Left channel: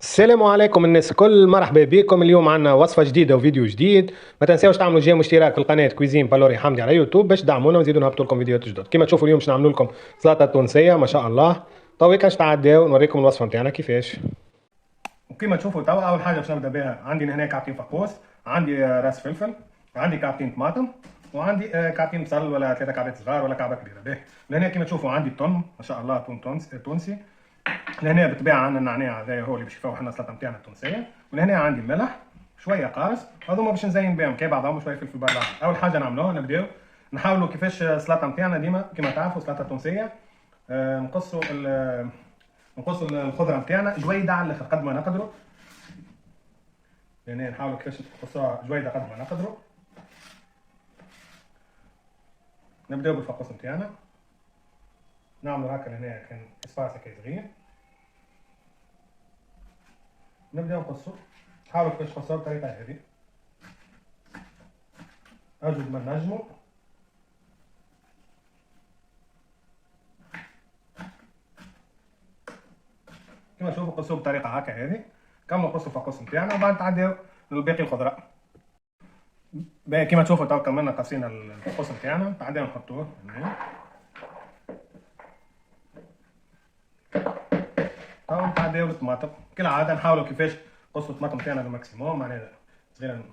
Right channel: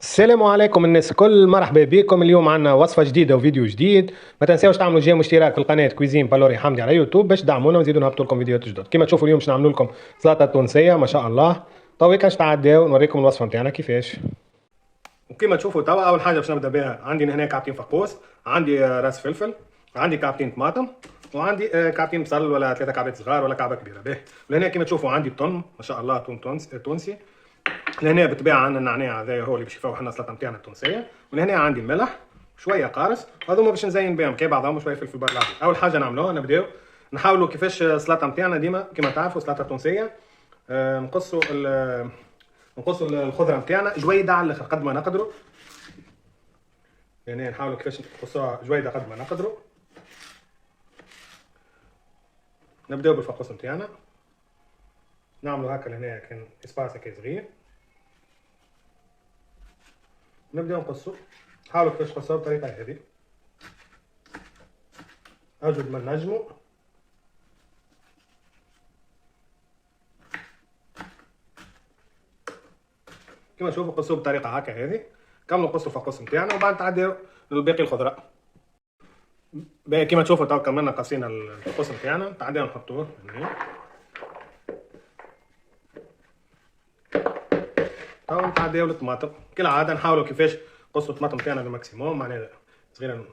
السلام عليكم الناس الكل، مرحبا بكم. اليوم عنا وصفة جديدة وفيديو جديد. ما تنساوش تعملوا جيم واشتراك في القناة كويزين بالوري حمدي على يوتيوب باش تدعمونا ونزيدوا نهبطوا لكم فيديوهات جدد. كما تشوفوا اليوم باش نعملوا لكم سلطة تونسية ما شاء الله. تو كاش تعداو نوريكم الوصفة نتاعنا كيفاش. وكما تشوفوا توا اول حاجة باش نبدا بها، عندي هنا كعبتين فقوس، عندي راس فلفل، عندي كعبتين طماطم، وعندي كعبتين بصل ولا 3 كعبات صغار ولا كعبة كبيرة. باهي، ولهنا كما تشوفوا عندي الثوم ما شاء الله، ثوم تونسي. لهنا بالطبيعه عندنا النعناع هذايا هو اللي باش يفوح لنا السلطه نتاعنا التونسيه. ولهنا عندي الملح، شويه قارص، هذوما باش نزين بهم كي بعضهم، شويه فلفل بارد. اول حاجه نعملوها نبداو نحاولوا كيفاش السلطه نتاعنا ديما كما تعرفوا السلطه التونسيه. نقصوا الخضره نتاعنا جويده على الاخر قد ما نقدروا. يعني نحاولوا كيفاش نقصوها جويده قد ما نقدروا. نبداو بالفقوس نتاعنا، نعملوا هكا لهنا كان اسباس هكا صغير. نبداو نقصوا، حاولوا كيفاش تقصوها بالطريقه هذه اجود ما نجموا. كما تشوفوا قصوه بالطريقه هكا هذه. كملوا قصوا الفقوس نتاعنا وبعد تعديو للباقي الخضره. باهي كما تشوفوا تو كملنا قصينا الفقوس نتاعنا، تعديو نحطوه هنا. تو نتعديو للطماطم كالعاده، نحاولوا كيفاش نقصوا الطماطم نتاعنا للماكسيموم، معناها صغيره.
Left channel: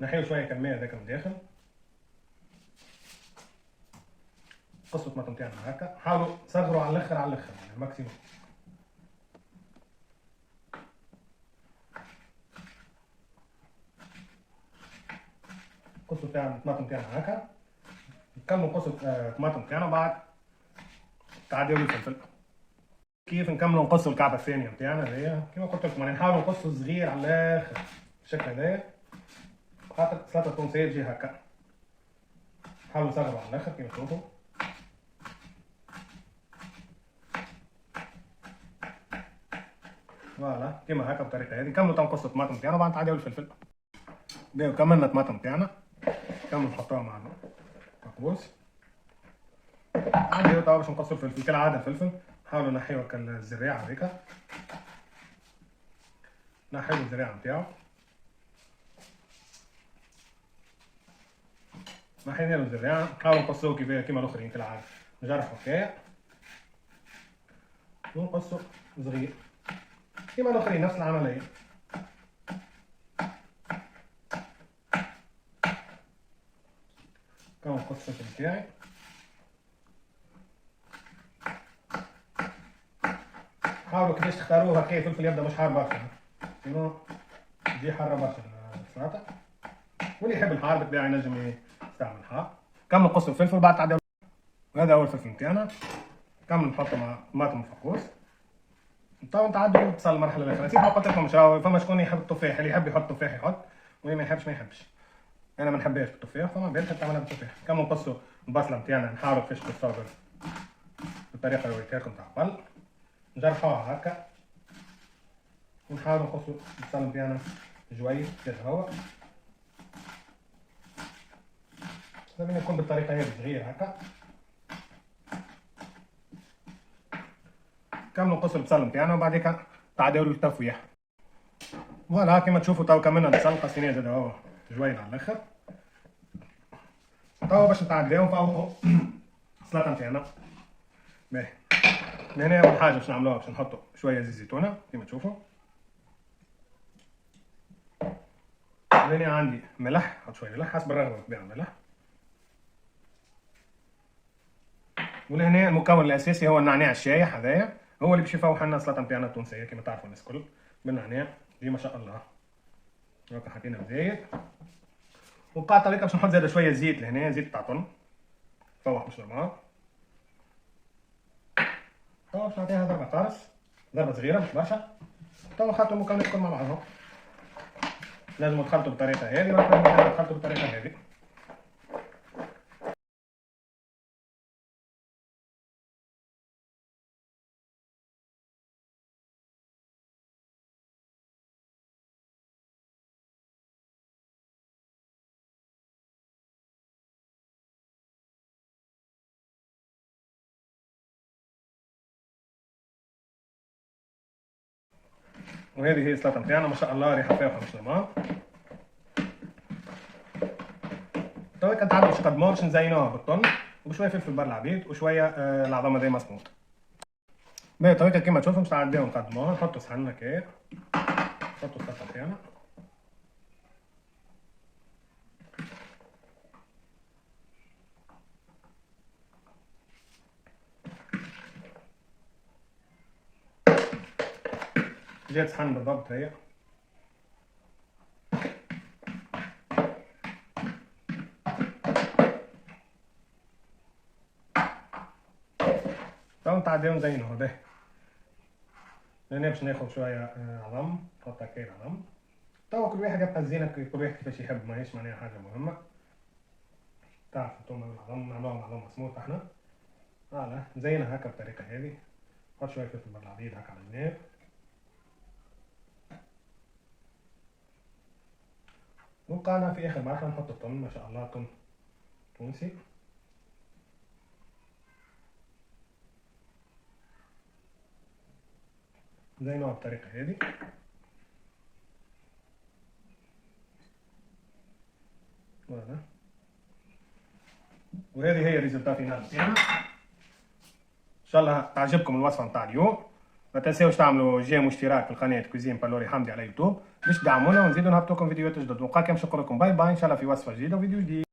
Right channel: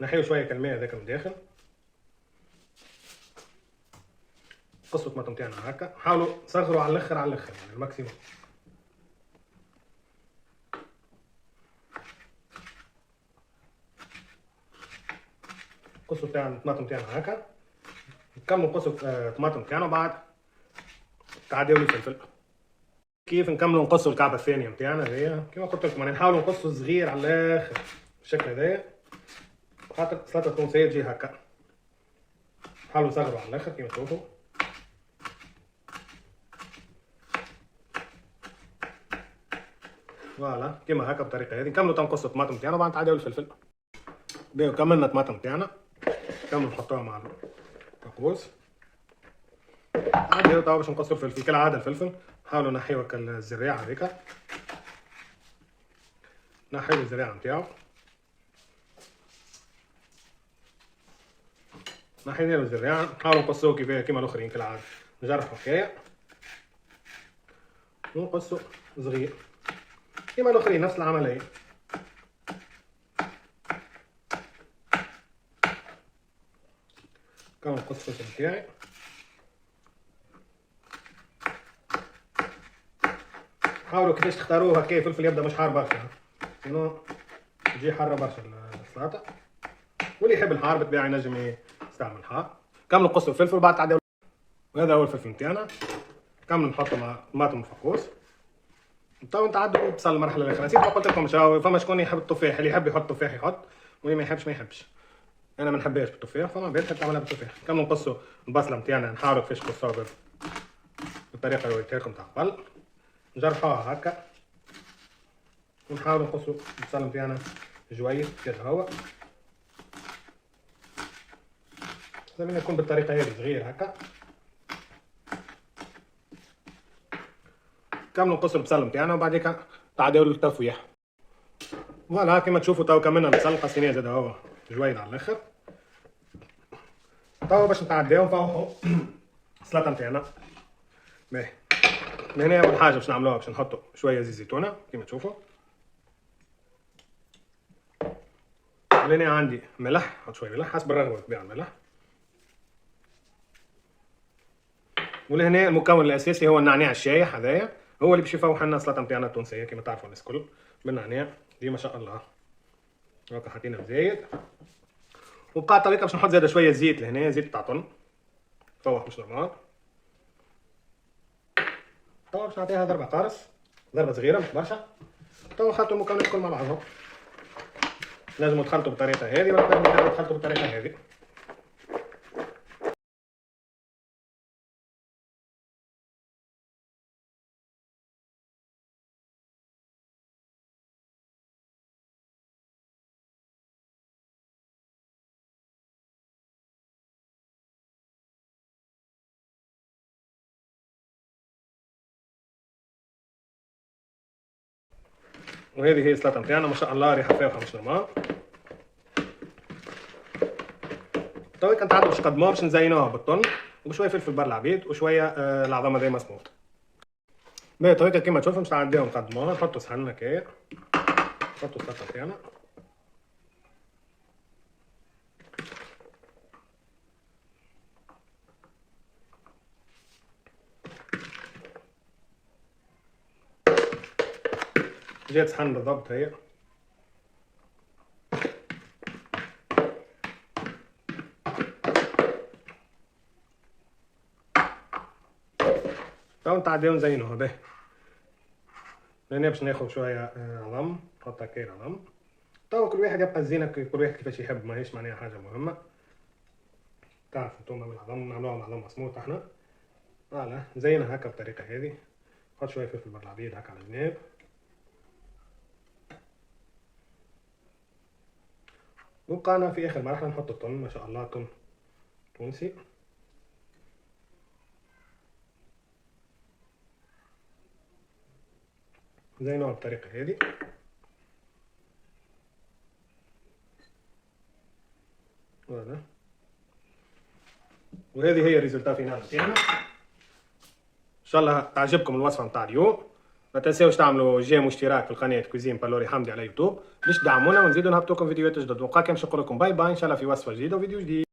نحيو شويه الماء هذاك من داخل. قصوا الطماطم نتاعنا هكا، حاولوا صغروا على الاخر على الاخر يعني الماكسيموم. قصوا تاع الطماطم نتاعنا هكا، نكملوا قصوا الطماطم نتاعنا وبعد تعديو للفلفل. كيف نكملوا نقصوا الكعبه الثانيه نتاعنا هذيا كما قلت لكم، يعني نحاولوا نقصوا صغير على الاخر بالشكل هذايا، خاطر السلطه التونسيه تجي هكا. حاولوا تصغروا على الاخر كما تشوفوا. فوالا كما هكا بالطريقه هذه. نكملوا تنقصوا الطماطم نتاعنا وبعد نتعداو الفلفل. باهي كملنا الطماطم نتاعنا، كملوا نحطوها مع الفقوس. عادي تو باش نقصوا الفلفل كالعاده. الفلفل حاولوا نحيو هكا الزريعه هذيك، نحيو الزريعه نتاعو، نحينا له الزريعه. نحاولوا نقصوه كيما الاخرين كالعاده، نجرحوا حكايه ونقصوا صغير كيما الاخرين نفس العمليه. كما نقص الفلفل نتاعي. حاولوا كيفاش تختاروه هكا فلفل يبدا مش حار برشا، لانه يجي حاره برشا السلطه. واللي يحب الحار بالطبيعه ينجم يستعمل حار. كملوا قصوا الفلفل بعد تعدوا. وهذا هو الفلفل نتاعنا. كملوا نحطوا مع طماطم وفقوس. تو نتعدوا بالبصل المرحله الاخيره. نسيت ما قلت لكم، فما شكون يحب التفاح، اللي يحب يحط تفاح يحط، واللي ما يحبش ما يحبش. انا ما نحبهاش بالتفاح، فما بالك تعملها بالتفاح. كملوا نقصوا البصله نتاعنا، نحاولوا كيفاش نقصوها بالطريقه اللي وريتها لكم تاع قبل. نجرحوها هكا ونحاولوا نقصوا البصل نتاعنا جويد كذا هو. لازم يكون بالطريقه هذه صغير هكا. كملوا نقصوا البصل نتاعنا وبعديك تعداو للتفويح. فوالا كيما تشوفوا تو كملنا البصل قصيناه زاد هو جويد على الاخر. تو باش نتعداو نفوحوا السلطه نتاعنا. باهي، هنا اول حاجه باش نعملوها باش نحطوا شويه زيت زيتونه كيما تشوفوا. هنا عندي ملح، نحط شويه ملح حسب الرغبه بالطبيعه الملح. ولهنا المكون الاساسي هو النعناع الشايح هذايا، هو اللي باش يفوح لنا السلطه نتاعنا التونسيه كما تعرفوا الناس الكل بالنعناع دي ما شاء الله. هكا حطينا زيت، وبقى طريقه باش نحط زاده شويه زيت لهنا، زيت تاع طن تفوح مش نورمال. تو باش نعطيها ضربه قارص، ضربه صغيره مش برشا. تو خلطوا المكونات الكل مع بعضهم. لازم تخلطوا بالطريقه هذه ولا تخلطوا بالطريقه هذه. وهذه هي السلطه نتاعنا ما شاء الله ريحه فيها مش نورمال. تو كنت عارف باش نقدموها باش نزينوها بالطن وبشويه فلفل بار العبيد وشويه العظام هذا مسموط. باهي تو كيما تشوفوا باش نعديو نقدموها. نحطو صحن هكايا، نحطو السلطه نتاعنا، جات صحن بالضبط هي. تو نتعداو نزينوها. باهي لهنا باش ناخذ شويه عظم، نحط هكايا العظم. تو كل واحد يبقى الزينه كل واحد كيفاش يحب، ماهيش معناها حاجه مهمه. تعرفوا انتوما بالعظم نعملوها عظم مسموط احنا. فوالا نزينها هكا بالطريقه هذه. نحط شويه فلفل بار العبيد هكا على الجناب. وبقانا في اخر مرحله نحط الطن، ما شاء الله طن تونسي. زينوها بالطريقه هذه. فوالا وهذه هي الريزلتا فينال تاعنا. ان شاء الله تعجبكم الوصفه نتاع اليوم. ما تنساوش تعملوا جيم واشتراك في القناه كويزين بالوري حمدي على يوتيوب باش تدعمونا ونزيدوا نهبطوا لكم فيديوهات جدد. وبقى باش نقول لكم باي باي ان شاء الله في وصفه جديده وفيديو جديد.